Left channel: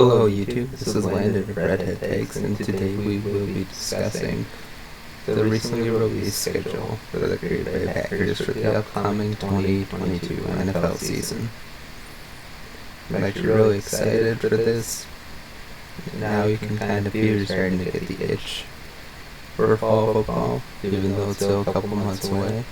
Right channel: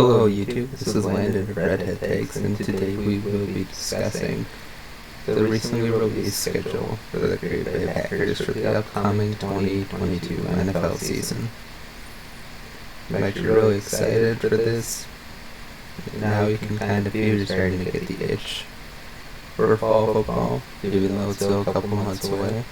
Hello YouTube, this is Landon of Redhead Takes, and today we will be discussing the recently released schedule for the Green Bay Packers for the upcoming 2022 NFL season. I'm actually really excited for this. Now you can kind of feel you're starting to get the itch for fall football, even though it's still a couple months away.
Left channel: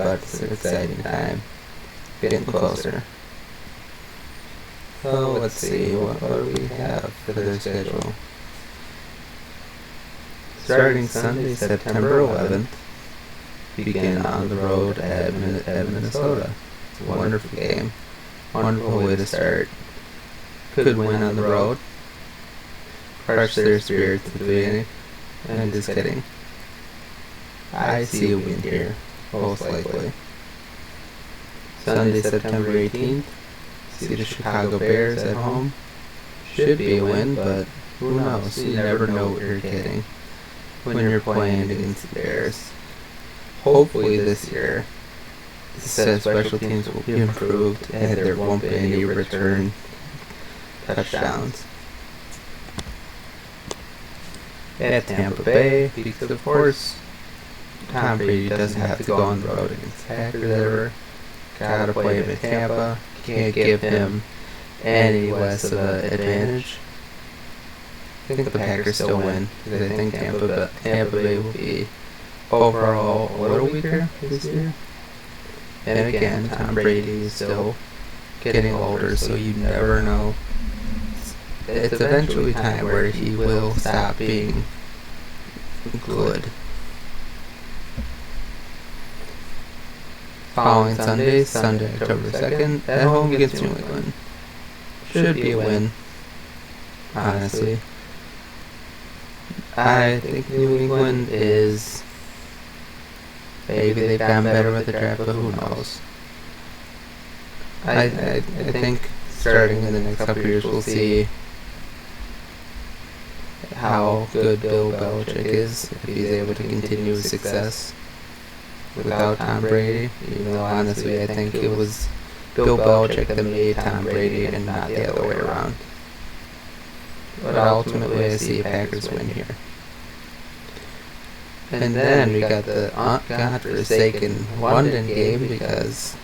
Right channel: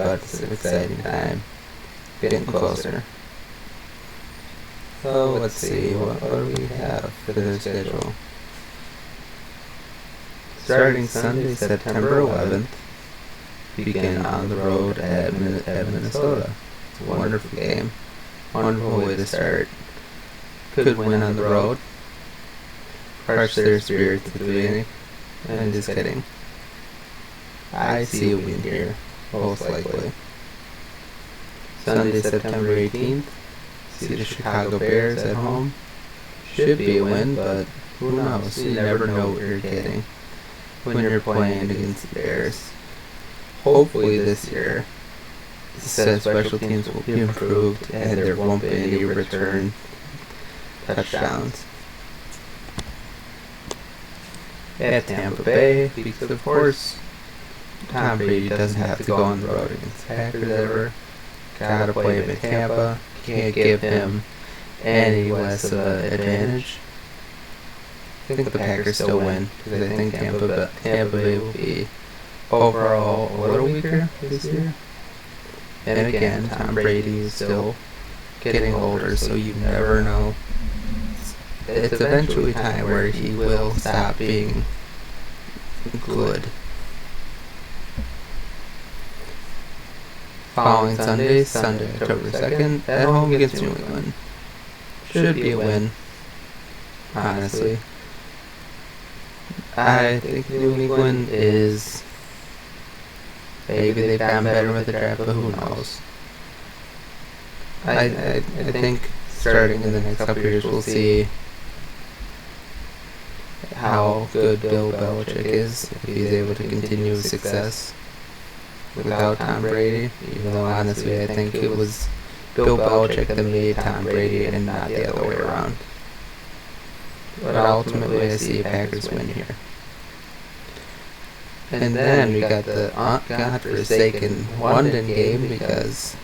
But it's an exciting time, getting closer. So let's see, what do we have for their schedule? Starting Sunday, September 11th, begin on the road at Minnesota. It's a wonderful game. Wonderful way to start. Could win on the road. Crush their spirits at the beginning. I'm just kidding. I see a win here, most likely. Sunday, September 18th, see the Chicago Bears at home. Should be a win, but who knows? You never know what you're getting when you're playing against the Bears. Hopefully this year the special teams will be improved and there won't be any return touchdowns. At Tampa Bay, because of course Tom Brady doesn't have to go on the road against the Packers ever. Gotta play him in Tampa. Can't give him any less of an advantage. I think the Packers still win because I think Tampa Bay will be overall a little weaker this year. And again, Tom Brady is still getting older, so you never know. It's eventually time where he will stop being good. Following Sunday, October 2nd, at home against New England. Should be a win, honestly. I think New England is... maybe they've gotten better with the draft, but who knows. I think starting in the next couple years we'll see how good Bill Belichick is, if he's able to continue his success without Tom Brady, even though honestly I think it was Bill Belichick that made Tom Brady and not the other way around. But ultimately I see a Packers win here. And then we got the godforsaken London game because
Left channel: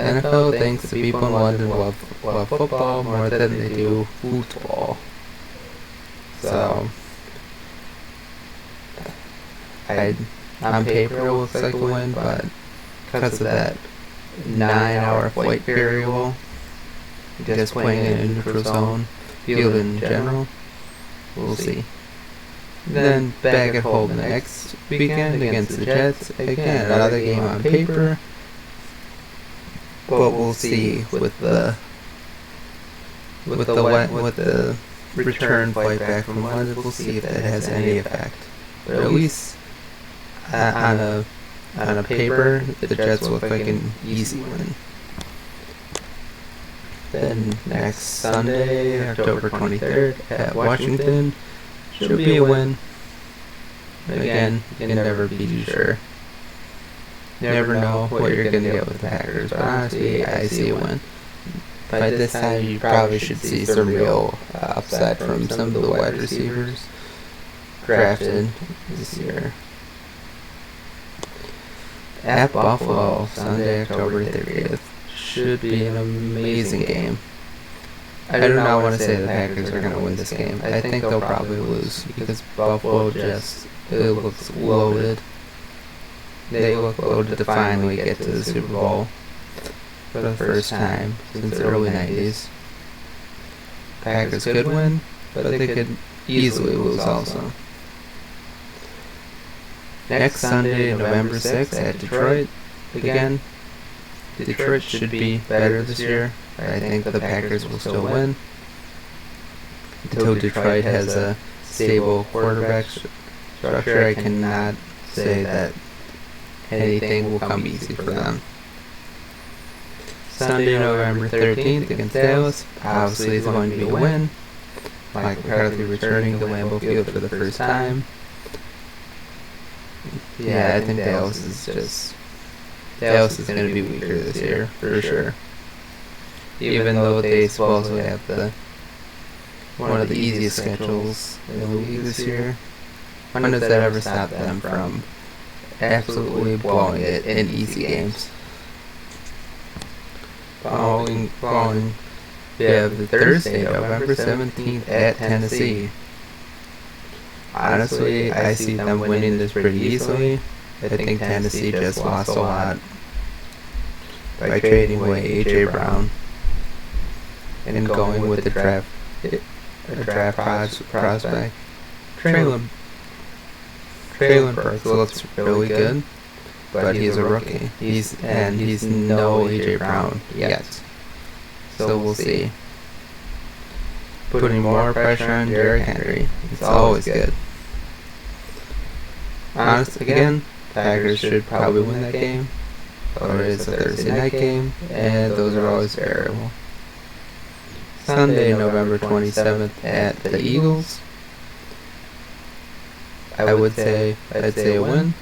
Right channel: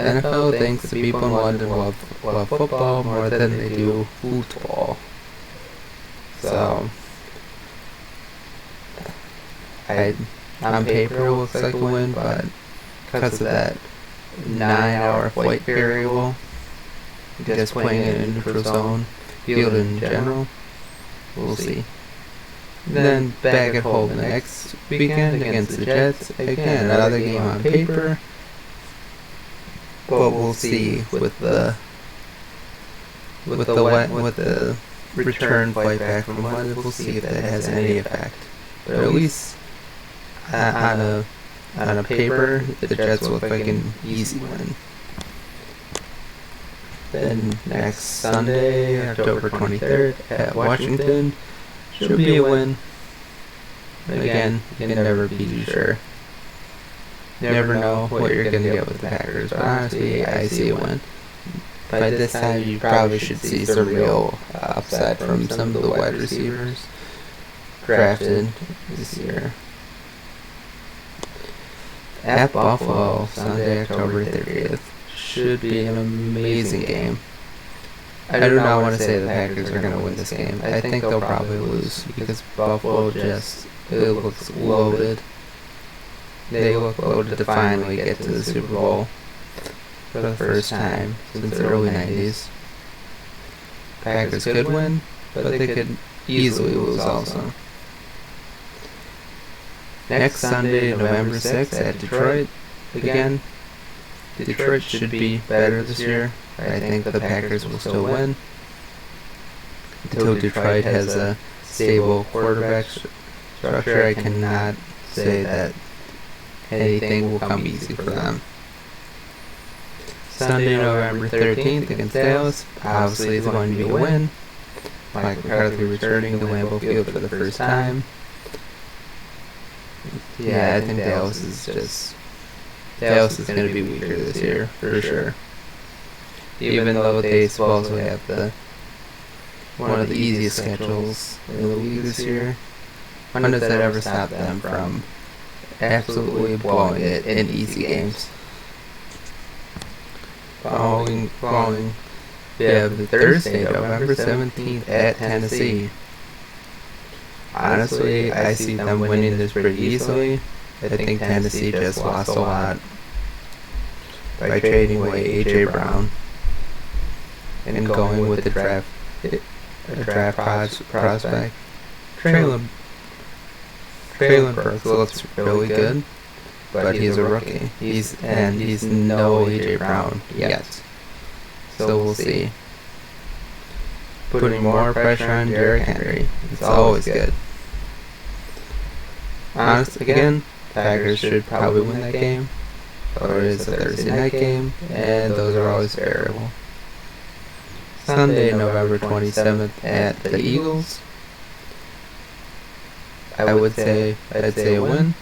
the NFL thinks the people in London love football more than they do football. So on paper it looks like a win, but because of that 9-hour flight variable, just playing in a neutral zone, field in general, we'll see. And then back at home the next weekend against the Jets, again another game on paper, but we'll see with the return flight back from London, we'll see if that has any effect. But at least on a paper, the Jets look like an easy win. Then next Sunday, October 23rd at Washington, should be a win. Again, you can never be too sure. Never know what you're going to get with the Packers, but honestly, I see a win. By this time, you probably should see some real upside from some of the wide receivers drafted this year. At Buffalo, Sunday, October 30th. Should be an amazing game. I do not want to say the Packers are going to win this game. I think they'll probably lose because Buffalo it looks loaded. They look loaded to finally get to the Super Bowl for the first time since the early 90s. Packers could win, but they could easily lose also. Next Sunday, November 6th at Detroit. Again, Detroit should be better this year. I think the Packers will still win until Detroit has a stable quarterback structure. I cannot say that anything will come easy for them. Sunday, November 13th against Dallas. Obviously, it's going to be a win. Mike McCarthy returning to Lambeau Field for the first time. Yeah, I think Dallas is going to be weaker this year, for sure. even though they supposedly have one of the easiest schedules in the league this year. When does that ever stop them from absolutely blowing it in easy games? Following, we have Thursday, November 17th at Tennessee. Honestly, I see them winning this pretty easily. I think Tennessee just lost a lot by trading away A.J. Brown and going with a draft prospect. Traylon Burks looks really good, but he's a rookie. He's no A.J. Brown yet, so we'll see. Putting more pressure on Derrick Henry. It's always good. Honestly, again, Packers should probably win that game. Or it is a Thursday night game, and those are always variable. Sunday, November 27th at the Eagles. I'd say a win,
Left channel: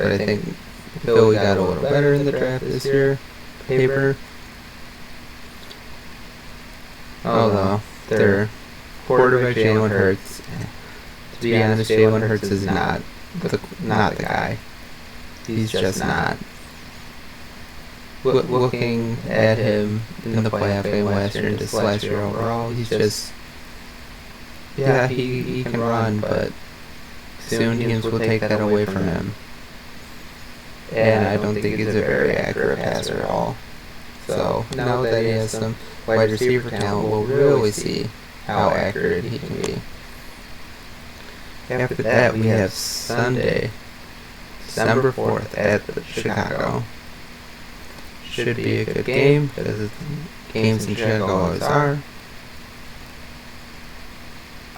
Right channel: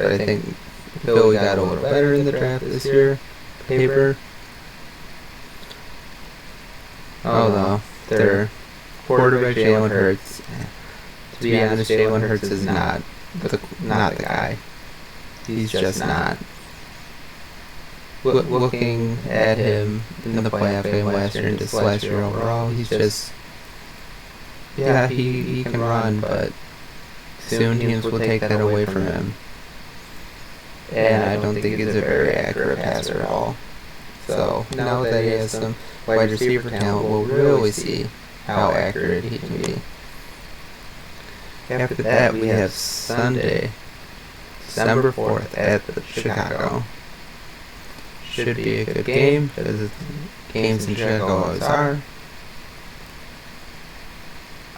but I think Philly got a little better in the draft this year. Paper. Although their quarterback Jalen Hurts, to be honest, Jalen Hurts is not the guy. He's just not. Looking at him in the playoff game last year and just last year overall, he's just, yeah, he can run, but soon teams will take that away from him. And I don't think he's a very accurate passer at all. So now that he has some wide receiver talent, we'll really see how accurate he can be. After that, we have Sunday, December 4th at Chicago. Should be a good game because games in Chicago always are.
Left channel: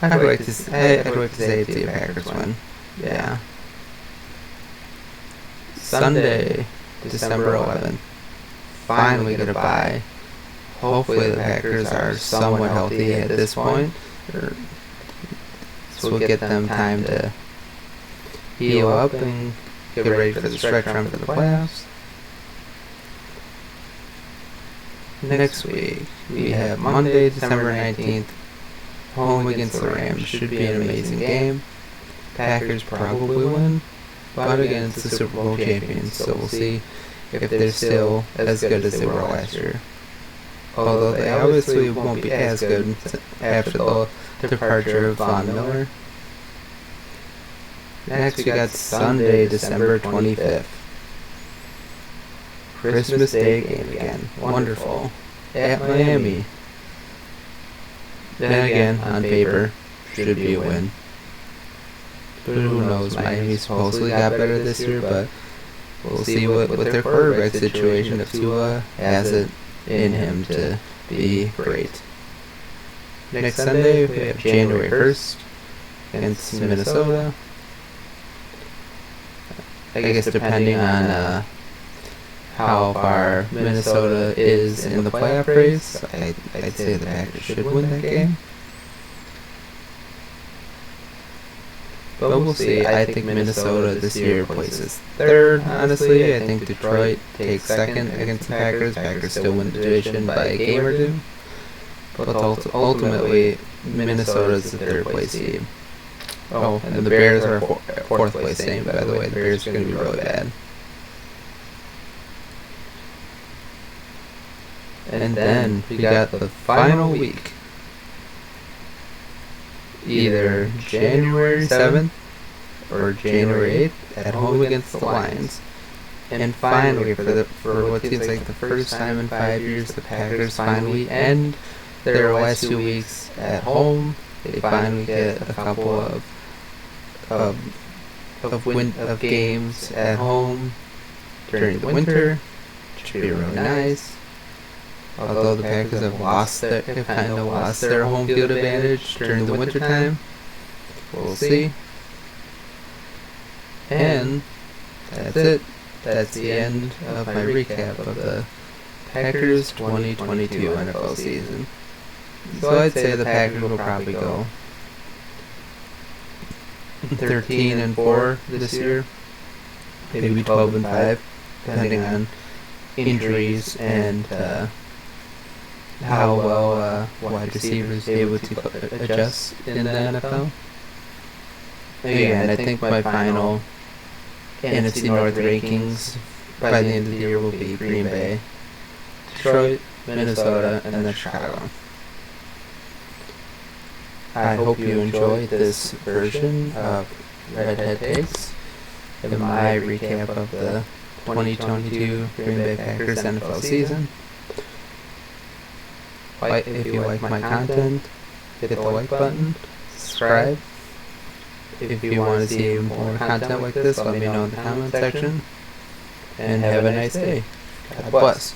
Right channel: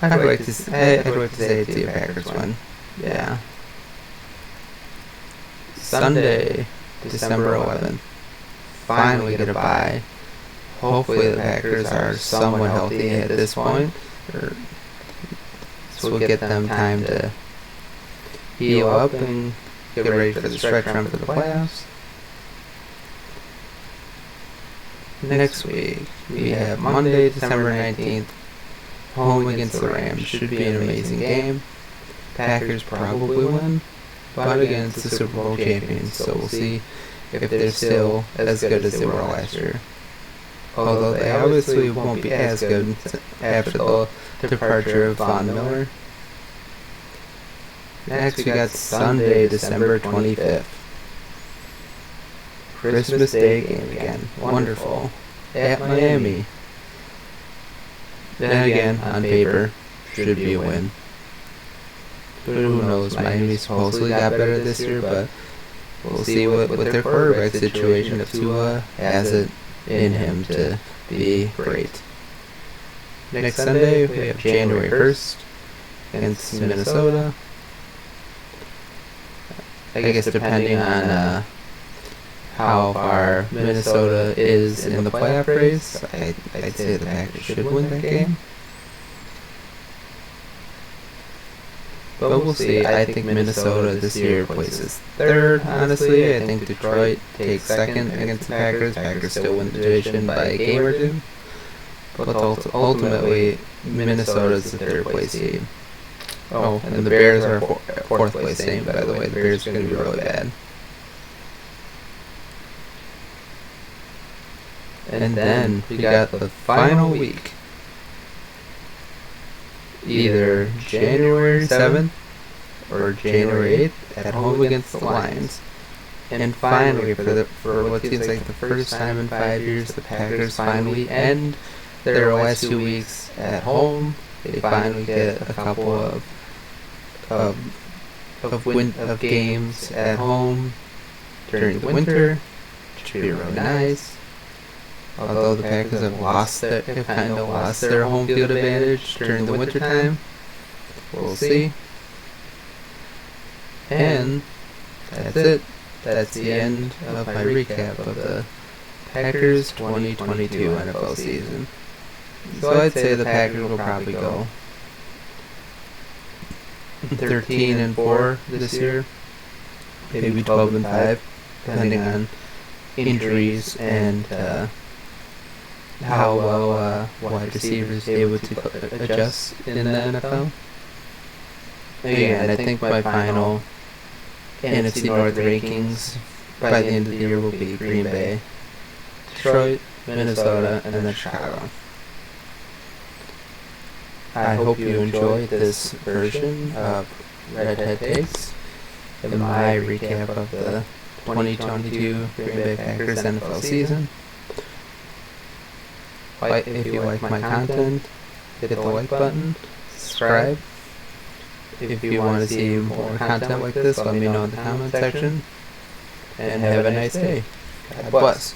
I'd like to say it's a Packers win. Yeah. Sunday, December 11th. Finally get a bye. Hopefully the Packers are somewhat healthy at this point. This will get them time to heal up and get ready for the stretch run for the playoffs. Next week, we have Monday, December 19th, home against the Rams. Should be an amazing game. Packers probably win, but again, it's the Super Bowl champions, so we'll see if they're still as good as they were last year. Although they obviously won't be as good after the departure of Von Miller. Next, we got Sunday, December 25th. Christmas Day game again. Wonderful. At Miami. Then again, on paper, should be a win. But who knows? Miami supposedly got better this year, but we'll see with their quarterback situation if Tua has it in him to be great. Next Sunday, we have January 1st against Minnesota. I guess depending on how far Minnesota is in the playoff race, I'd say the Packers should win that game. But we'll see. I think Minnesota this year places third, honestly. I think Detroit takes second against the Packers. Packers still win the division by a game or two. But ultimately, Minnesota's the third place team. Oh, and the Bears are a fourth place team, by the way. The Bears are going to be really bad. And then we got the final week. Either January 7th or January 8th at home against the Lions. And finally, for what seems like the first time in 5 years, the Packers finally end their last 2 weeks at home. They finally get a couple of games at home during the winter, which would be really nice. Although the Packers have kind of lost their home field advantage during the winter time. We'll see. And that's it. That's the end of my recap of the Packers 2022 NFL season. So I'd say the Packers will probably go 13-4 this year. Maybe 12-5, depending on injuries and how well wide receivers are able to adjust in the NFL. Again, I think my final NFC North rankings by the end of the year will be Green Bay, Detroit, Minnesota, and then Chicago. I hope you enjoyed this version of Redhead Takes and my recap of the 2022 Green Bay Packers NFL season. If you like my content, hit the like button, subscribe. If you want to see more content like this, let me know in the comment section. And have a nice day. God bless.